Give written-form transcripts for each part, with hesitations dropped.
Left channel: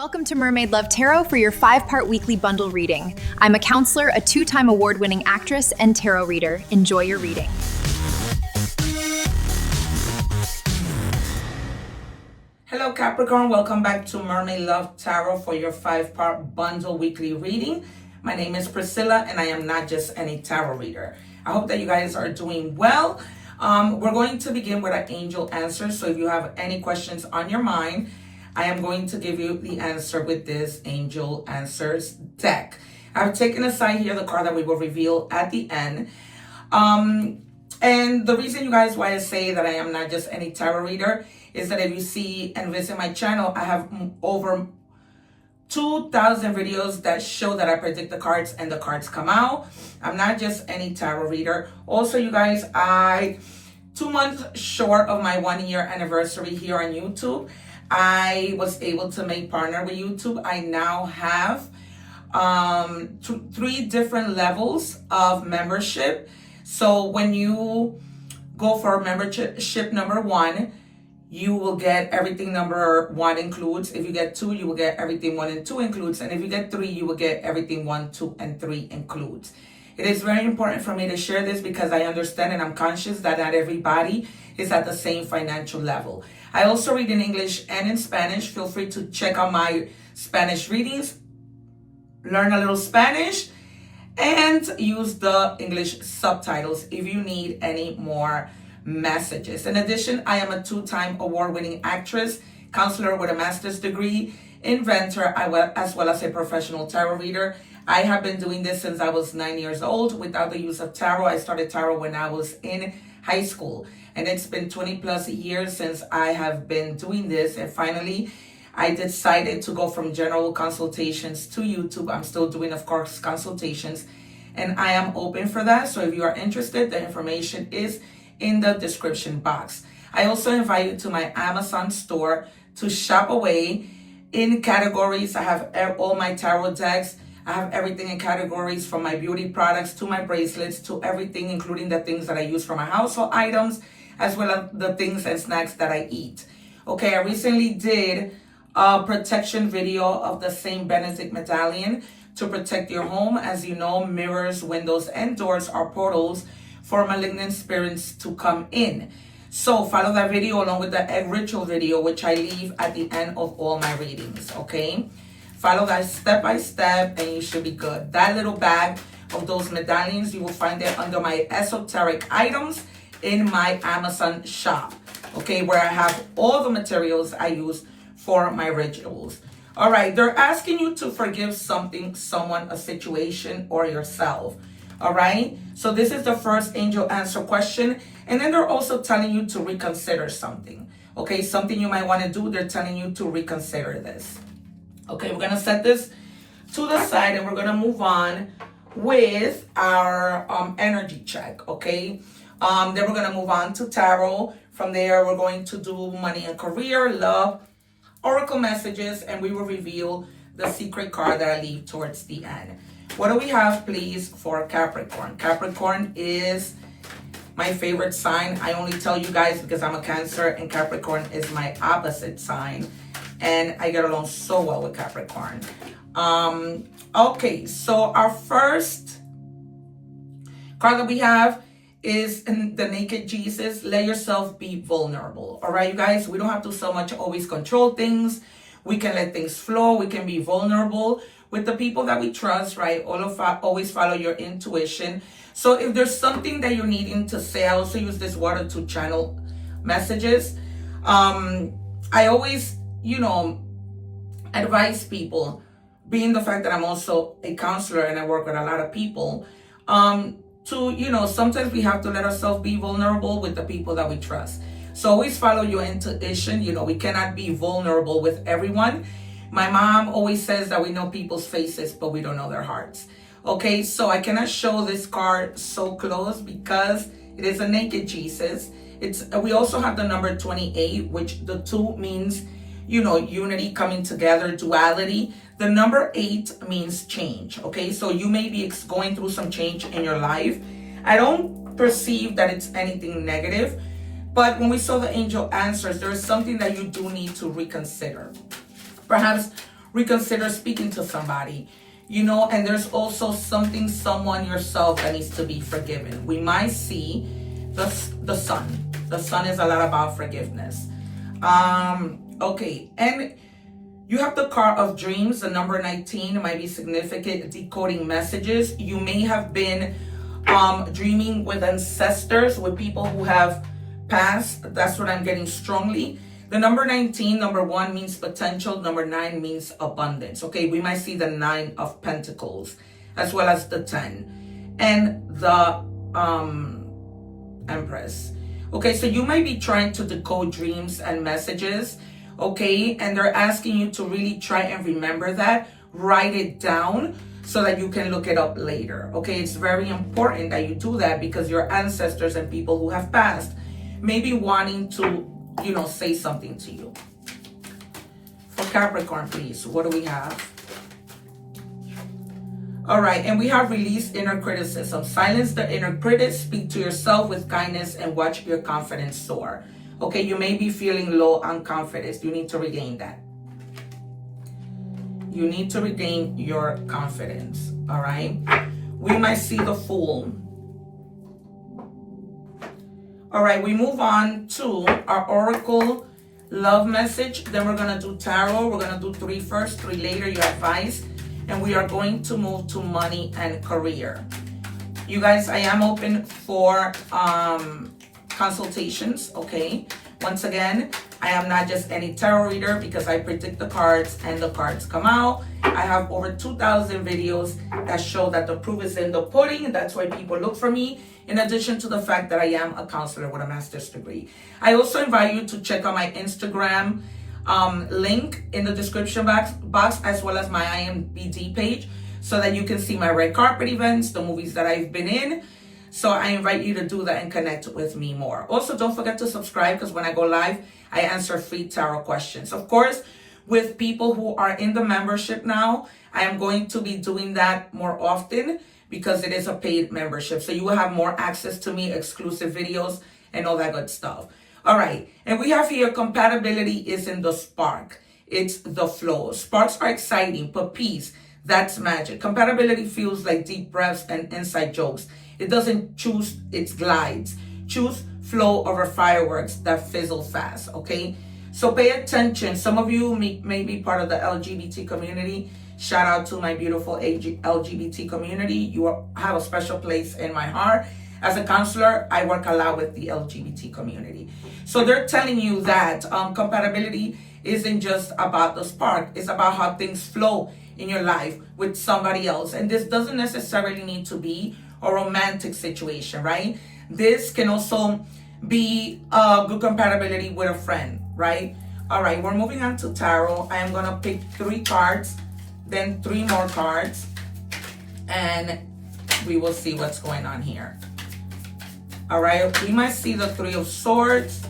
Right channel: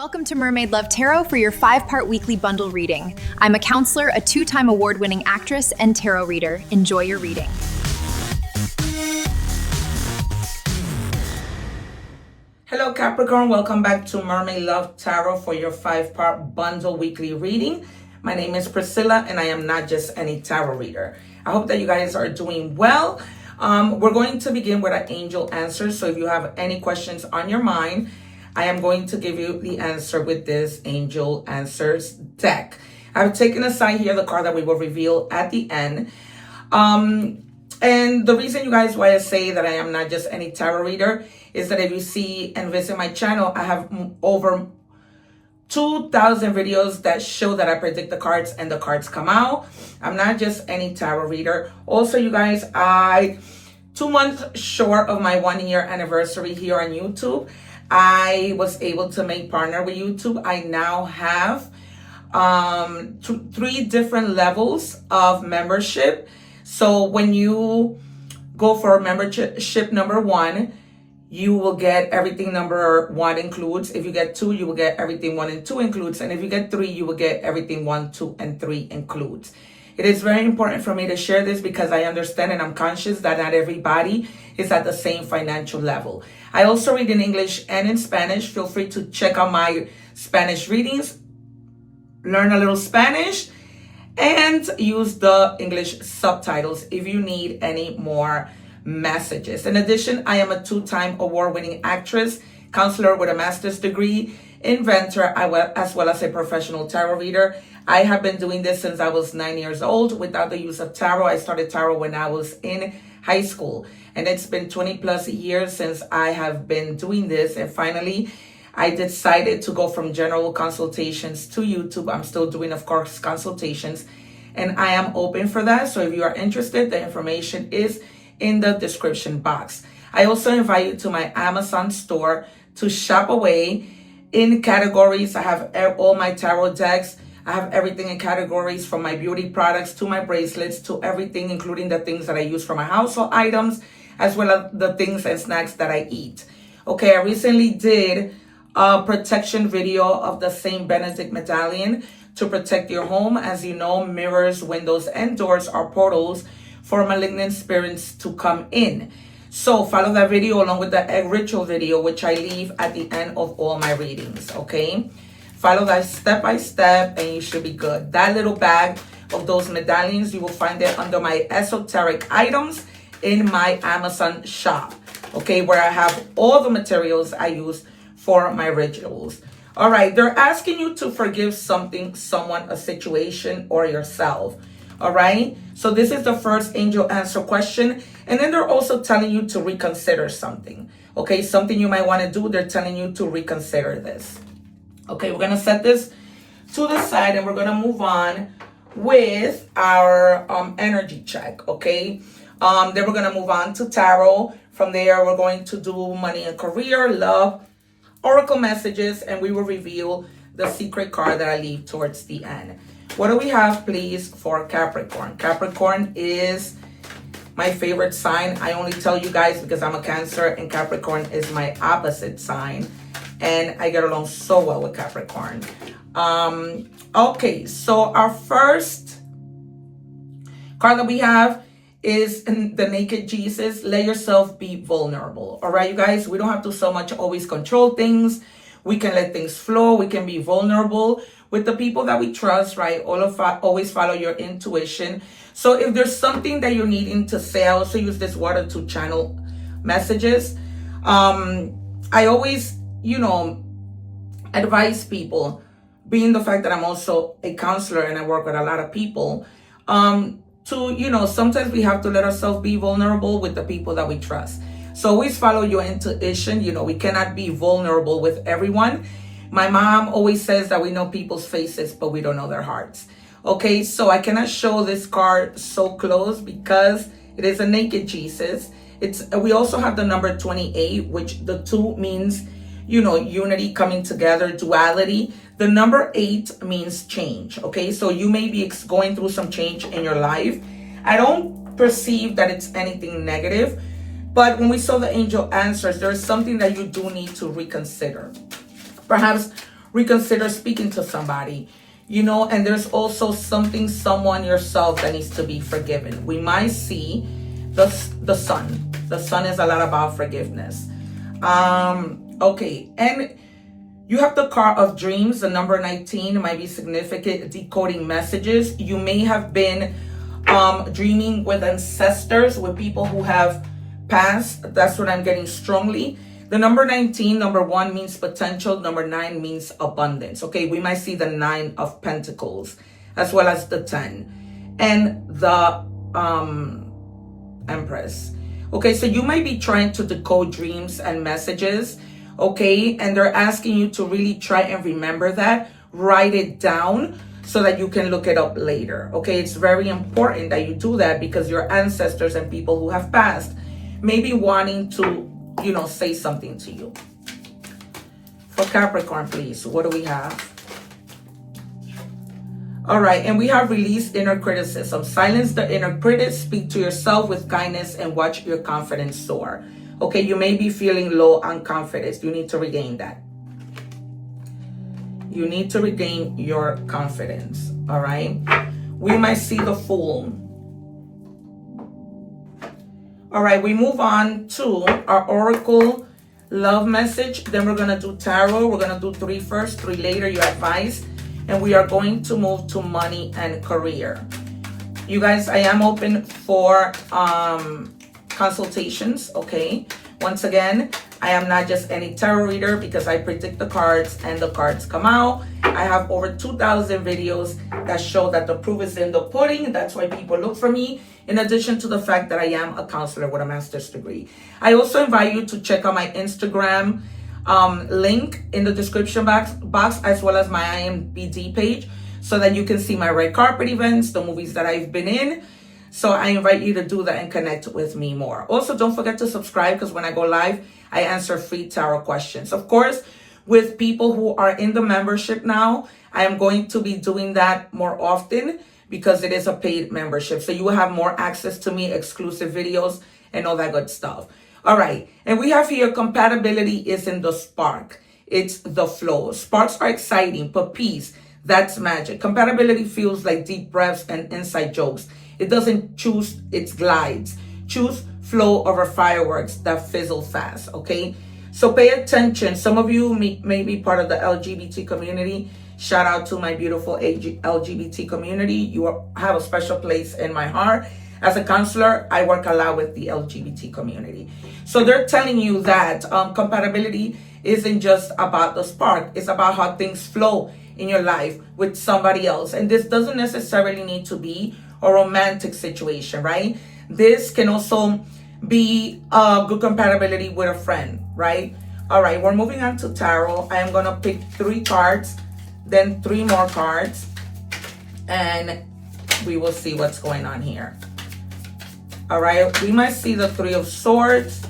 Welcome to Mermaid Love Tarot for your 5-part weekly bundle reading. I'm a counselor, a 2-time award-winning actress, and tarot reader. Enjoy your reading. Hello Capricorn, welcome back to Mermaid Love Tarot for your 5-part bundle weekly reading. My name is Priscilla and I am not just any tarot reader. I hope that you guys are doing well. We're going to begin with an angel answer. So if you have any questions on your mind, I am going to give you the answer with this angel answers deck. I've taken aside here the card that we will reveal at the end. And the reason, you guys, why I say that I am not just any tarot reader is that if you see and visit my channel, I have over 2,000 videos that show that I predict the cards and the cards come out. I'm not just any tarot reader. Also, you guys, 2 months short of my 1-year anniversary here on YouTube, I was able to make partner with YouTube. I now have 3 different levels of membership. So when you go for membership number 1, you will get everything number 1 includes. If you get 2, you will get everything 1 and 2 includes. And if you get 3, you will get everything 1, 2, and 3 includes. It is very important for me to share this because I understand and I'm conscious that not everybody is at the same financial level. I also read in English and in Spanish. Feel free to check out my Spanish readings, learn a little Spanish, and use the English subtitles if you need any more messages. In addition, I am a 2-time award-winning actress, counselor with a master's degree, inventor, as well as a professional tarot reader. I have been doing this since I was 9 years old without the use of tarot. I started tarot when I was in high school. And it's been 20 plus years since I have been doing this. And finally, I decided to go from general consultations to YouTube. I'm still doing, of course, consultations. And I am open for that. So if you are interested, the information is in the description box. I also invite you to my Amazon store to shop away in categories. I have all my tarot decks. I have everything in categories, from my beauty products to my bracelets to everything, including the things that I use for my household items, as well as the things and snacks that I eat. Okay, I recently did a protection video of the Saint Benedict medallion to protect your home. As you know, mirrors, windows, and doors are portals for malignant spirits to come in. So follow that video along with the egg ritual video, which I leave at the end of all my readings, okay? Follow that step by step and you should be good. That little bag of those medallions, you will find it under my esoteric items in my Amazon shop, okay, where I have all the materials I use for my rituals. All right, they're asking you to forgive something, someone, a situation, or yourself. All right, so this is the first angel answer question. And then they're also telling you to reconsider something. Okay, something you might want to do, they're telling you to reconsider this. Okay, we're going to set this to the side and we're going to move on with our energy check, okay? Then we're going to move on to tarot. From there, we're going to do money and career, love, oracle messages, and we will reveal the secret card that I leave towards the end. What do we have, please, for Capricorn? Capricorn is my favorite sign. I only tell you guys because I'm a Cancer and Capricorn is my opposite sign. And I get along so well with Capricorn. Okay, so our first card that we have is the Naked Jesus. Let yourself be vulnerable. All right, you guys, we don't have to so much always control things. We can let things flow. We can be vulnerable with the people that we trust, right? Always follow your intuition. So if there's something that you're needing to say, I also use this water to channel messages. I always, advise people, being the fact that I'm also a counselor and I work with a lot of people, to, sometimes we have to let ourselves be vulnerable with the people that we trust. So always follow your intuition. We cannot be vulnerable with everyone. My mom always says that we know people's faces, but we don't know their hearts. Okay, so I cannot show this card so close because it is a Naked Jesus. We also have the number 28, which the 2 means, unity, coming together, duality. The number 8 means change, okay? So you may be going through some change in your life. I don't perceive that it's anything negative, but when we saw the angel answers, there's something that you do need to reconsider. Perhaps reconsider speaking to somebody, you know, and there's also someone yourself that needs to be forgiven. We might see the sun. The sun is a lot about forgiveness. Okay, and you have the card of dreams, the number 19. It might be significant, decoding messages. You may have been dreaming with ancestors, with people who have passed. That's what I'm getting strongly. The number 19, number 1 means potential. Number 9 means abundance. Okay, we might see the 9 of Pentacles as well as the 10 and the Empress. Okay, so you might be trying to decode dreams and messages. Okay, and they're asking you to really try and remember that. Write it down so that you can look it up later. Okay, it's very important that you do that because your ancestors and people who have passed may be wanting to, you know, say something to you. For Capricorn, please, what do we have? All right, and we have released inner criticism. Silence the inner critic, speak to yourself with kindness, and watch your confidence soar. Okay, you may be feeling low on confidence. You need to regain that. You need to regain your confidence, all right? We might see the Fool. All right, we move on to our Oracle love message. Then we're going to do Tarot. We're going to do 3 first, 3 later, your advice. And we are going to move to money and career. You guys, I am open for consultations, okay? Once again, I am not just any tarot reader because I predict the cards and the cards come out. I have over 2,000 videos that show that the proof is in the pudding. That's why people look for me, in addition to the fact that I am a counselor with a master's degree. I also invite you to check out my Instagram link in the description box as well as my IMDB page so that you can see my red carpet events, the movies that I've been in. So I invite you to do that and connect with me more. Also, don't forget to subscribe because when I go live, I answer free tarot questions. Of course, with people who are in the membership now, I am going to be doing that more often because it is a paid membership. So you will have more access to me, exclusive videos, and all that good stuff. All right, and we have here compatibility is in the spark. It's the flow. Sparks are exciting, but peace, that's magic. Compatibility feels like deep breaths and inside jokes. It doesn't choose, it glides. Choose flow over fireworks that fizzle fast, okay? So pay attention. Some of you may be part of the LGBT community. Shout out to my beautiful LGBT community. You have a special place in my heart. As a counselor, I work a lot with the LGBT community. So they're telling you that compatibility isn't just about the spark. It's about how things flow in your life with somebody else. And this doesn't necessarily need to be a romantic situation, right? This can also be a good compatibility with a friend, right? All right, we're moving on to tarot. I am going to pick 3 cards, then 3 more cards, and we will see what's going on here. All right, we might see the 3 of Swords.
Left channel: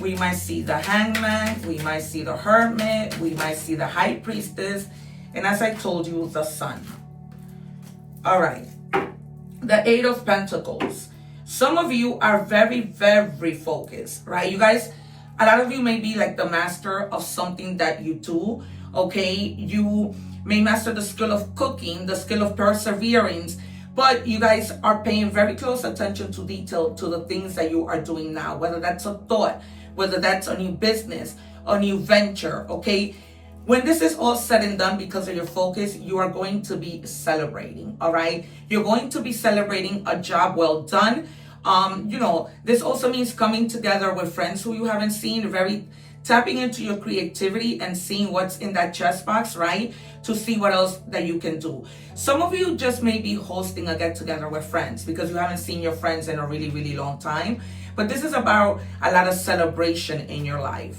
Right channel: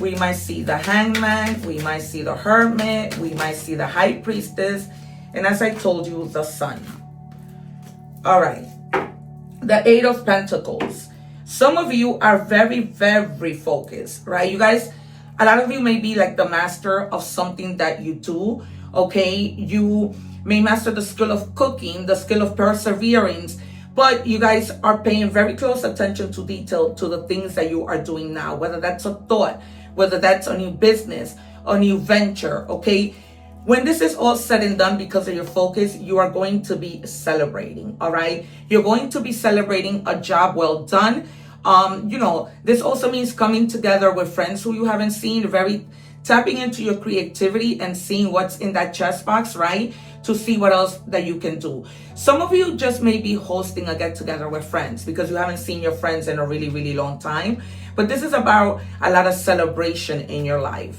We might see the Hangman. We might see the Hermit. We might see the High Priestess. And as I told you, the Sun. All right, the 8 of Pentacles. Some of you are very, very focused, right? You guys, a lot of you may be like the master of something that you do, okay? You may master the skill of cooking, the skill of perseverance, but you guys are paying very close attention to detail to the things that you are doing now, whether that's a thought, whether that's a new business, a new venture, okay? When this is all said and done, because of your focus, you are going to be celebrating, all right? You're going to be celebrating a job well done. You know, this also means coming together with friends who you haven't seen, tapping into your creativity and seeing what's in that chest box, right? To see what else that you can do. Some of you just may be hosting a get-together with friends because you haven't seen your friends in a really, really long time. But this is about a lot of celebration in your life.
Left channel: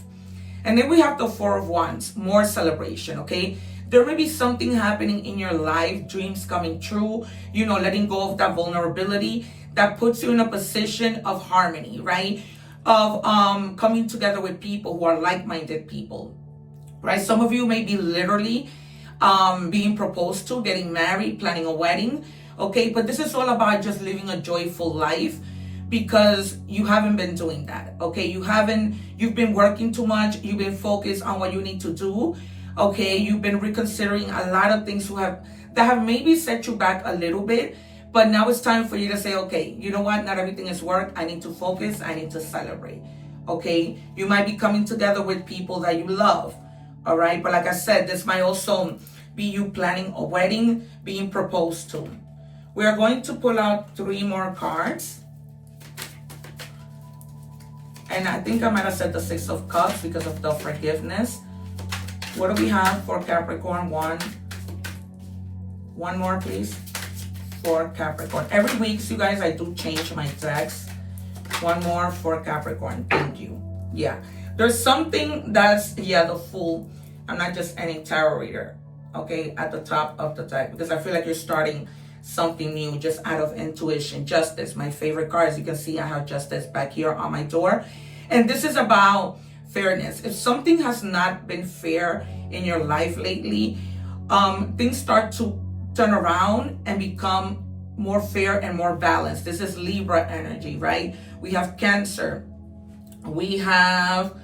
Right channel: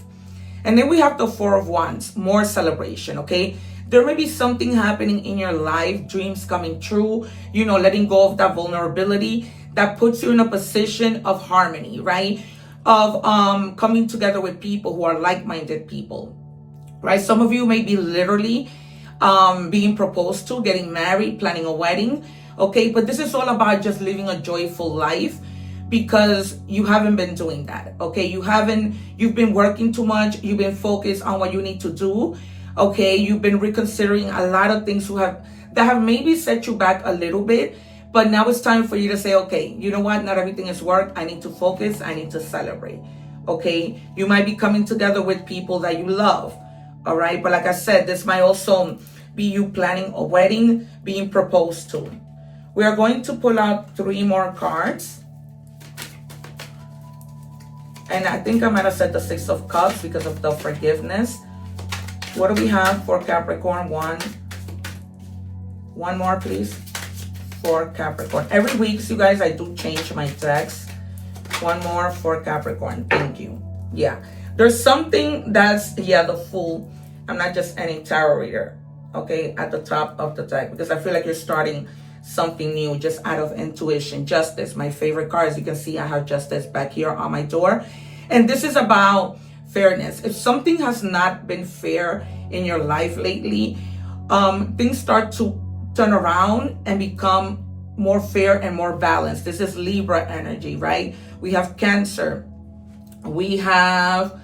And then we have the 4 of Wands, more celebration, okay? There may be something happening in your life, dreams coming true, you know, letting go of that vulnerability that puts you in a position of harmony, right? Of coming together with people who are like-minded people, right? Some of you may be literally being proposed to, getting married, planning a wedding, okay? But this is all about just living a joyful life because you haven't been doing that, okay? You've been working too much. You've been focused on what you need to do. Okay, you've been reconsidering a lot of things that have maybe set you back a little bit, but now it's time for you to say, okay, you know what? Not everything is work. I need to focus. I need to celebrate. Okay, you might be coming together with people that you love. All right, but like I said, this might also be you planning a wedding, being proposed to. We are going to pull out 3 more cards. And I think I might have said the 6 of Cups because of the forgiveness. What do we have for Capricorn? One more, please, for Capricorn. Every week, you guys, I do change my text. One more for Capricorn. Thank you. Yeah, there's something that's, the Fool. I'm not just any tarot reader. Okay, at the top of the deck, because I feel like you're starting something new just out of intuition. Justice, my favorite card. As you can see, I have Justice back here on my door. And this is about fairness. If something has not been fair in your life lately, things start to turn around and become more fair and more balanced. This is Libra energy, right? We have Cancer. We have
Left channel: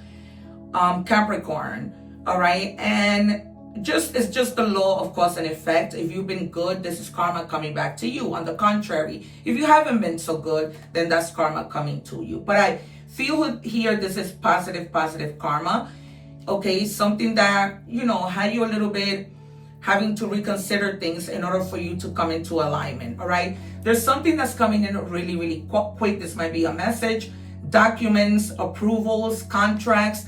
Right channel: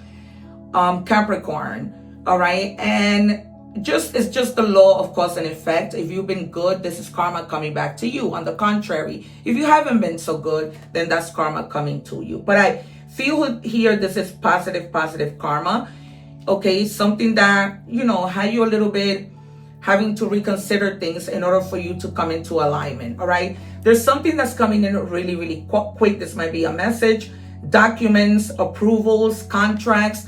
Capricorn. All right. And it's just the law of cause and effect. If you've been good, this is karma coming back to you. On the contrary, if you haven't been so good, then that's karma coming to you. But I feel here this is positive karma. Okay, something that, had you a little bit having to reconsider things in order for you to come into alignment. All right, there's something that's coming in really, really quick. This might be a message, documents, approvals, contracts,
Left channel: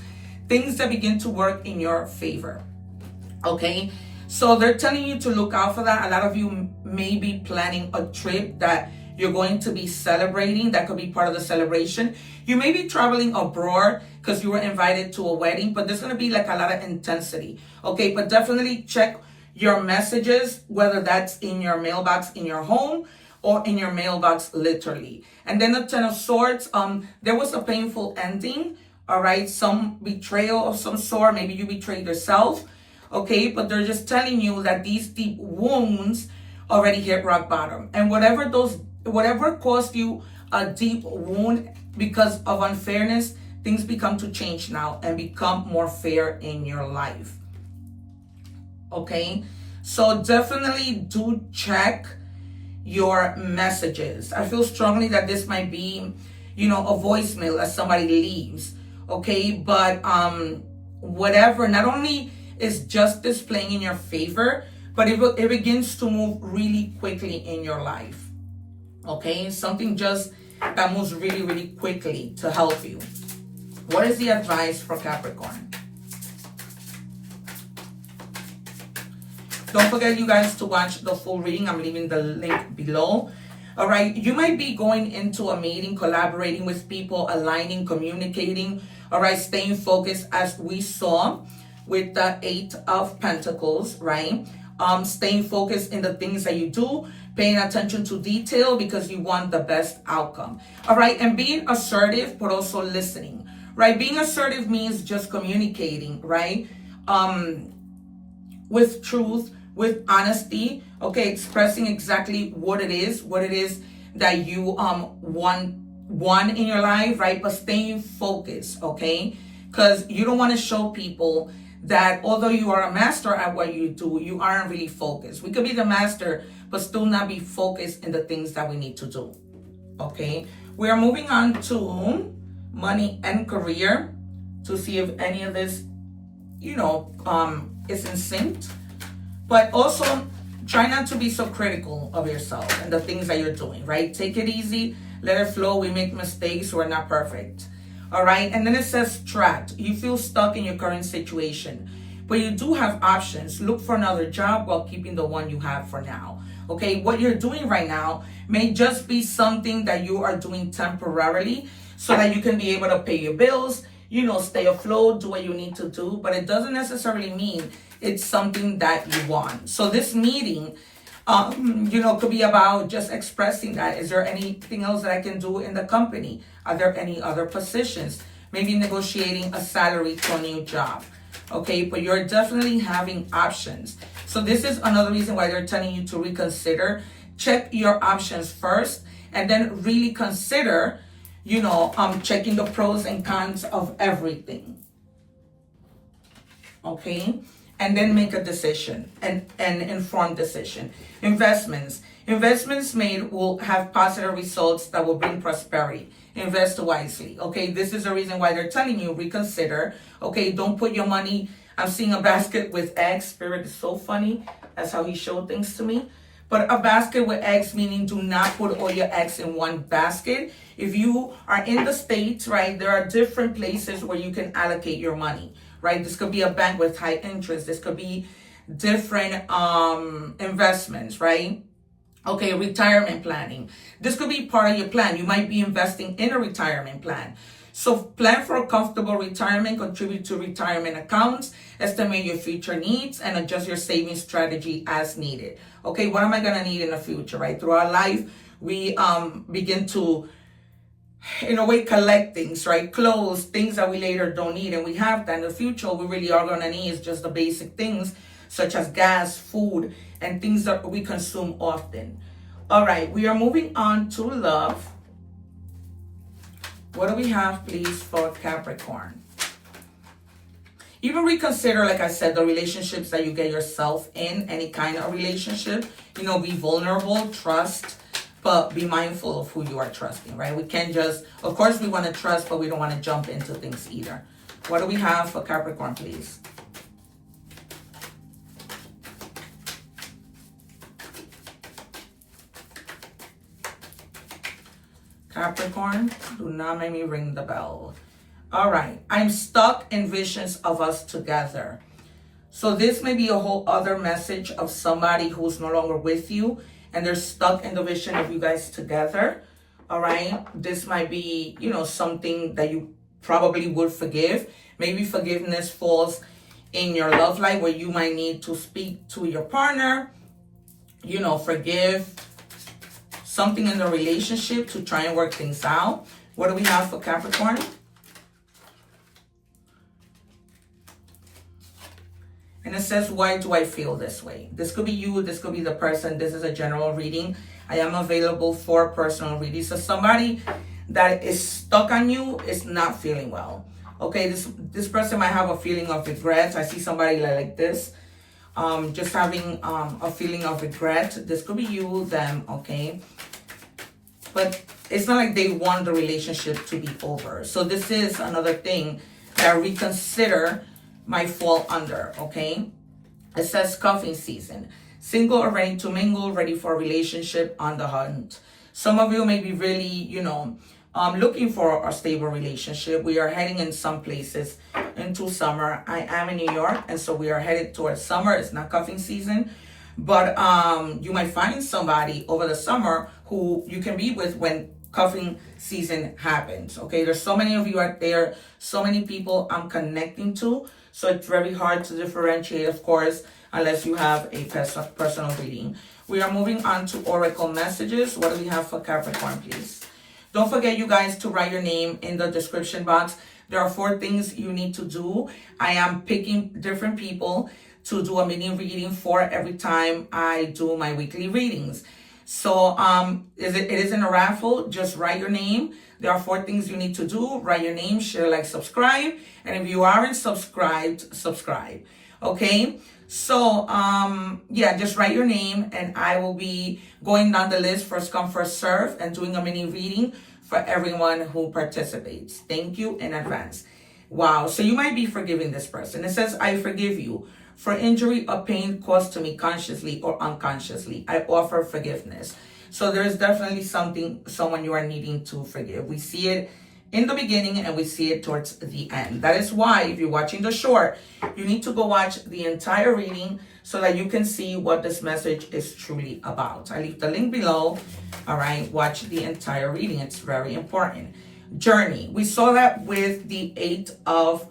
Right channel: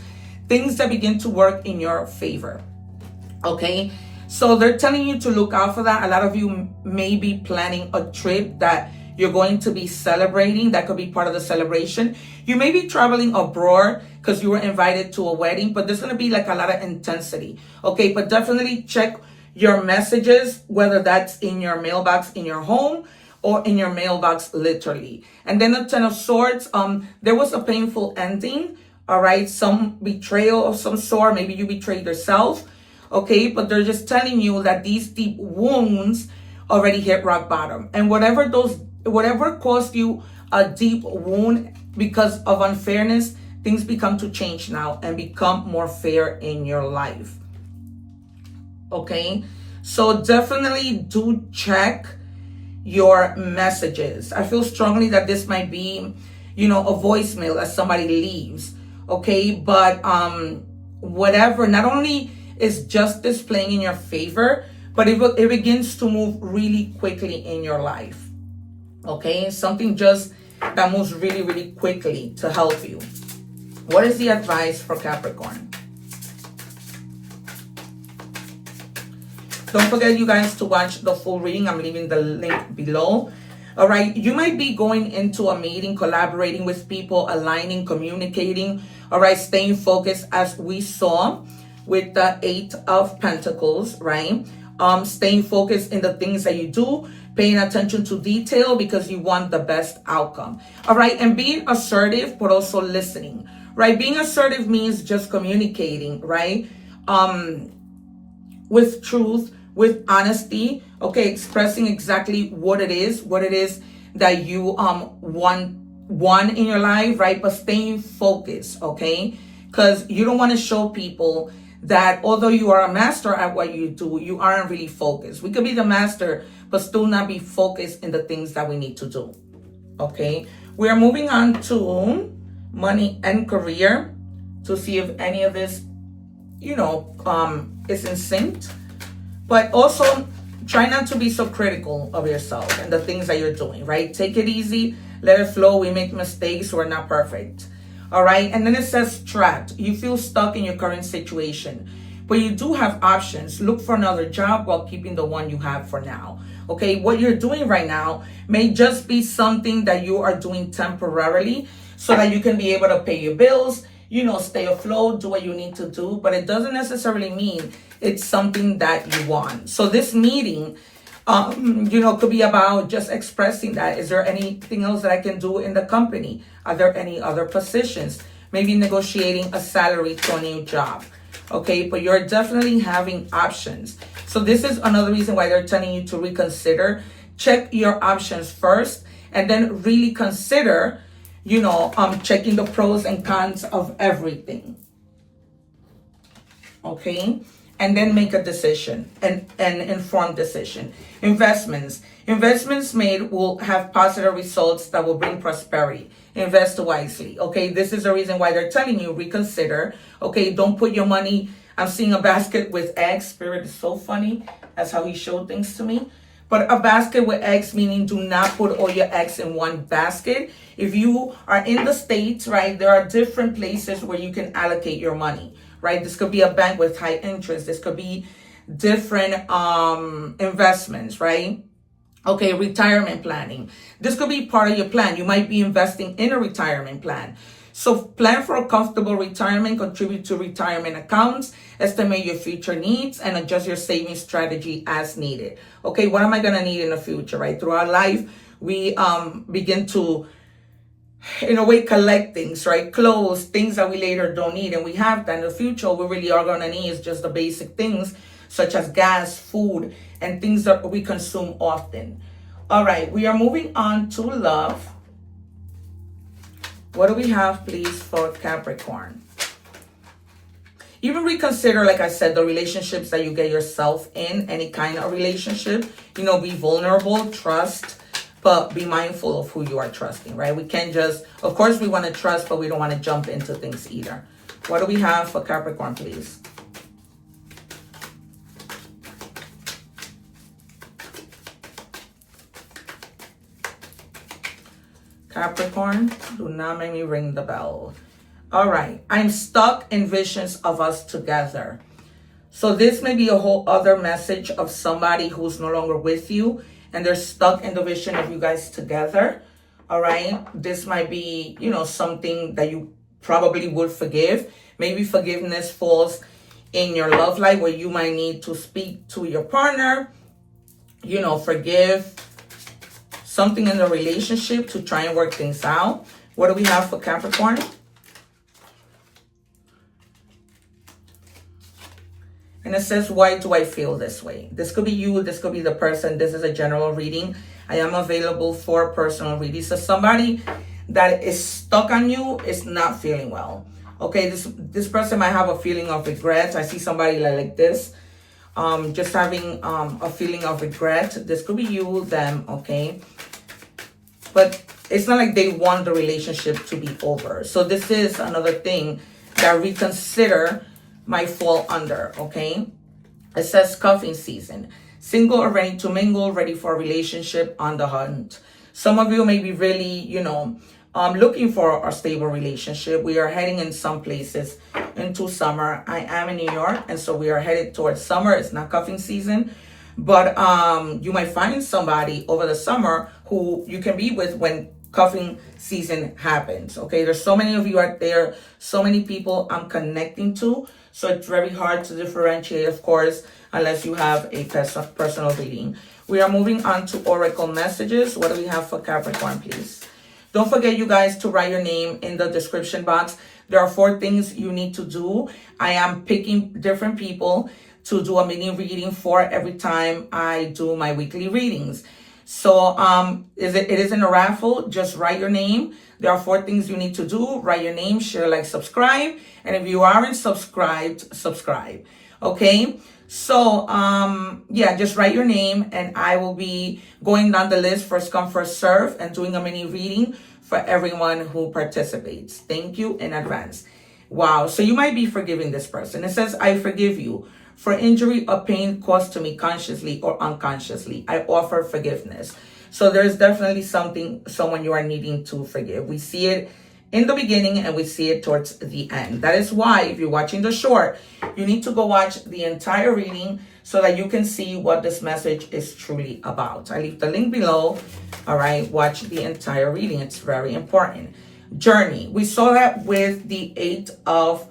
things that begin to work in your favor. Okay, so they're telling you to look out for that. A lot of you may be planning a trip that you're going to be celebrating. That could be part of the celebration. You may be traveling abroad because you were invited to a wedding, but there's going to be like a lot of intensity. Okay, but definitely check your messages, whether that's in your mailbox in your home or in your mailbox literally. And then the 10 of Swords, there was a painful ending. All right, some betrayal of some sort. Maybe you betrayed yourself. Okay, but they're just telling you that these deep wounds already hit rock bottom. And whatever caused you a deep wound because of unfairness, things become to change now and become more fair in your life. Okay, so definitely do check your messages. I feel strongly that this might be, a voicemail as somebody leaves. Okay, but whatever, not only is justice playing in your favor, but it begins to move really quickly in your life. Okay, something just that moves really, really quickly to help you. What is the advice for Capricorn? Don't forget, you guys, to watch the full reading. I'm leaving the link below. All right, you might be going into a meeting, collaborating with people, aligning, communicating. All right, staying focused, as we saw with the 8 of Pentacles, right? Staying focused in the things that you do, paying attention to detail because you want the best outcome. All right, and being assertive, but also listening, right? Being assertive means just communicating, right? With truth, with honesty, okay, expressing exactly what it is that you want in your life, right? But staying focused, okay? Because you don't want to show people that although you are a master at what you do, you aren't really focused. We could be the master, but still not be focused in the things that we need to do. Okay, we are moving on to money and career to see if any of this, is in sync. But also try not to be so critical of yourself and the things that you're doing, right? Take it easy, let it flow. We make mistakes, we're not perfect. All right, and then it says trapped. You feel stuck in your current situation, but you do have options. Look for another job while keeping the one you have for now. Okay, what you're doing right now may just be something that you are doing temporarily so that you can be able to pay your bills, stay afloat, do what you need to do, but it doesn't necessarily mean it's something that you want. So this meeting, could be about just expressing that. Is there anything else that I can do in the company? Are there any other positions? Maybe negotiating a salary to a new job. Okay, but you're definitely having options. So this is another reason why they're telling you to reconsider. Check your options first and then really consider, checking the pros and cons of everything. Okay, and then make a decision, and an informed decision. Investments made will have positive results that will bring prosperity. Invest wisely. Okay, this is the reason why they're telling you reconsider. Okay, don't put your money. I'm seeing a basket with eggs. Spirit is so funny. That's how he showed things to me. But a basket with eggs, meaning do not put all your eggs in one basket. If you are in the States, right, there are different places where you can allocate your money, right? This could be a bank with high interest. This could be different investments, right? Okay, retirement planning. This could be part of your plan. You might be investing in a retirement plan. So plan for a comfortable retirement, contribute to retirement accounts, estimate your future needs, and adjust your saving strategy as needed. Okay, what am I gonna need in the future, right? Throughout life, we begin to, in a way, collect things, right? Clothes, things that we later don't need, and we have that in the future. We really are gonna need is just the basic things, such as gas, food, and things that we consume often. All right, we are moving on to love. What do we have, please, for Capricorn? Even reconsider, like I said, the relationships that you get yourself in, any kind of relationship. You know, be vulnerable, trust, but be mindful of who you are trusting, right? We can't just, of course, we want to trust, but we don't want to jump into things either. What do we have for Capricorn, please? Capricorn, do not make me ring the bell. All right, I'm stuck in visions of us together. So this may be a whole other message of somebody who's no longer with you and they're stuck in the vision of you guys together. All right, this might be, you know, something that you probably would forgive. Maybe forgiveness falls in your love life where you might need to speak to your partner, you know, forgive something in the relationship to try and work things out. What do we have for Capricorn? And it says, why do I feel this way? This could be you. This could be the person. This is a general reading. I am available for personal readings. So somebody that is stuck on you is not feeling well. Okay, this person might have a feeling of regret. I see somebody like this. Just having a feeling of regret. This could be you, them, okay? But it's not like they want the relationship to be over. So this is another thing that reconsider might fall under, okay? It says cuffing season. Single or ready to mingle, ready for a relationship, on the hunt. Some of you may be really, you know, looking for a stable relationship. We are heading in some places into summer. I am in New York, and so we are headed towards summer. It's not cuffing season, but you might find somebody over the summer who you can be with when cuffing season happens. Okay, there's so many of you out there, so many people I'm connecting to, so it's very hard to differentiate, of course, unless you have a personal reading. We are moving on to oracle messages. What do we have for Capricorn, please? Don't forget, you guys, to write your name in the description box. There are 4 things you need to do. I am picking different people to do a mini reading for every time I do my weekly readings. So it isn't a raffle. Just write your name. There are 4 things you need to do. Write your name, share, like, subscribe. And if you aren't subscribed, subscribe. Okay? So, yeah, just write your name and I will be going down the list, first come, first serve, and doing a mini reading for everyone who participates. Thank you in advance. Wow. So you might be forgiving this person. It says, I forgive you for injury or pain caused to me consciously or unconsciously. I offer forgiveness. So there is definitely someone you are needing to forgive. We see it in the beginning and we see it towards the end. That is why if you're watching the short, you need to go watch the entire reading so that you can see what this message is truly about. I leave the link below. All right, watch the entire reading. It's very important. Journey. We saw that with the 8 of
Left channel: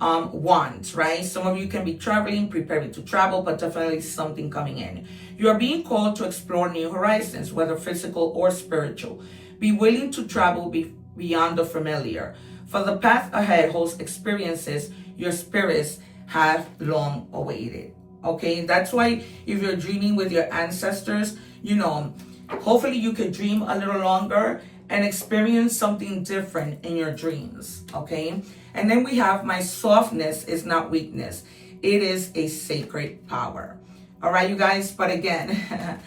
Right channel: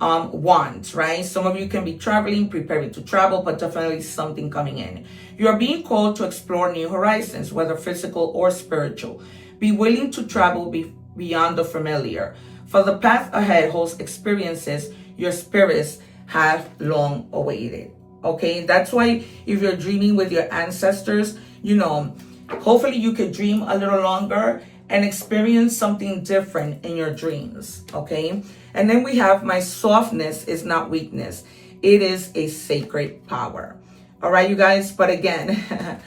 Wands, right? Some of you can be traveling, preparing to travel, but definitely something coming in. You are being called to explore new horizons, whether physical or spiritual. Be willing to travel beyond the familiar. For the path ahead holds experiences your spirits have long awaited. Okay, that's why if you're dreaming with your ancestors, you know, hopefully you could dream a little longer and experience something different in your dreams. Okay, and then we have my softness is not weakness. It is a sacred power. All right, you guys. But again,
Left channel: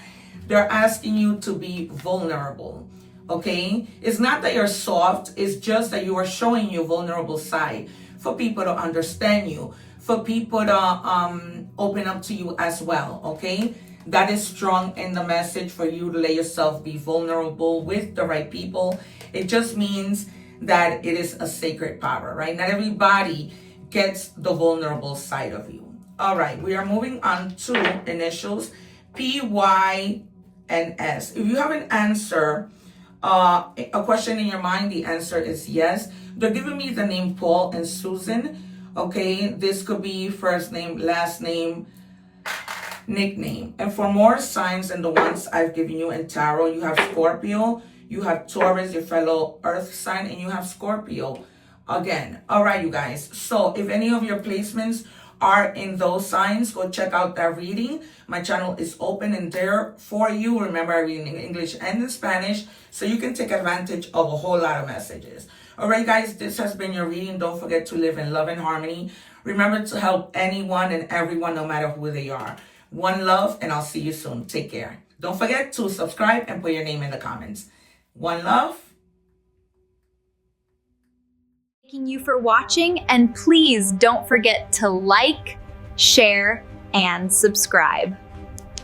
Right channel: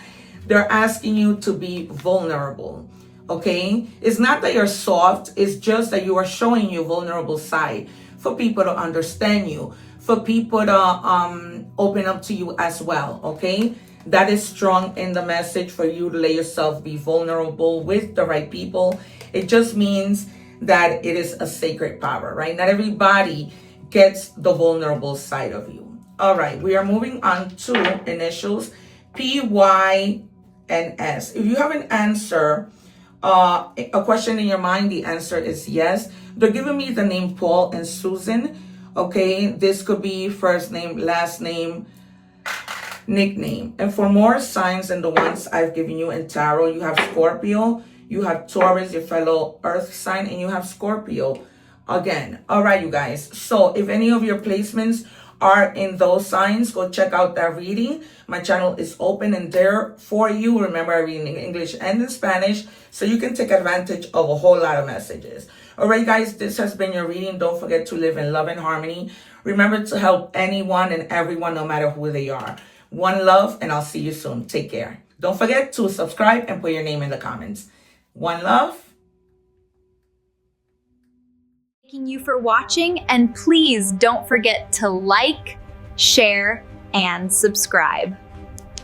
they're asking you to be vulnerable. Okay, it's not that you're soft, it's just that you are showing your vulnerable side for people to understand you, for people to open up to you as well. Okay, that is strong in the message for you to let yourself be vulnerable with the right people. It just means that it is a sacred power, right? Not everybody gets the vulnerable side of you. All right, we are moving on to initials P, Y, and S. If you have an answer, a question in your mind, the answer is yes. They're giving me the name Paul and Susan. Okay, this could be first name, last name, nickname. And for more signs than the ones I've given you in tarot, you have Scorpio, you have Taurus, your fellow earth sign, and you have Scorpio again. All right, you guys. So if any of your placements are in those signs, go check out that reading. My channel is open and there for you. Remember, I read in English and in Spanish, so you can take advantage of a whole lot of messages. All right, guys, this has been your reading. Don't forget to live in love and harmony. Remember to help anyone and everyone, no matter who they are. One love, and I'll see you soon. Take care. Don't forget to subscribe and put your name in the comments. One love. Thanking you for watching, and please don't forget to like, share, and subscribe.